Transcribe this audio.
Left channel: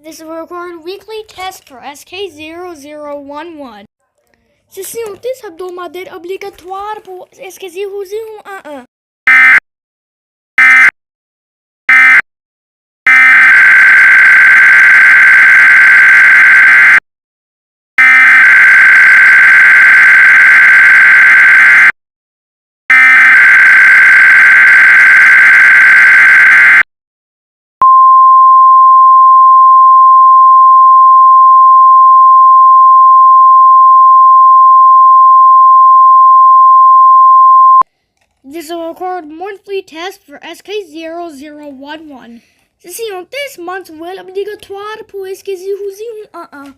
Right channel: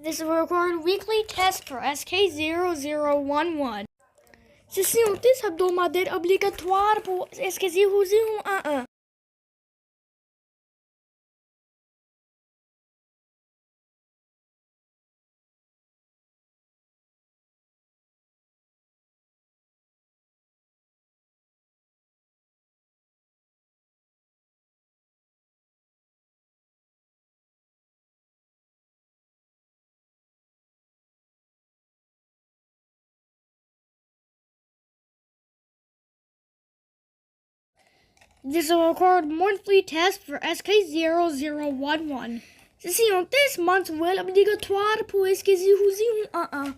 This is a recorded weekly test for SK0011. Ceci est un test hebdomadaire obligatoire pour SK0011. This is a recorded monthly test for SK0011. Ceci est un test mensuel obligatoire pour SK0011.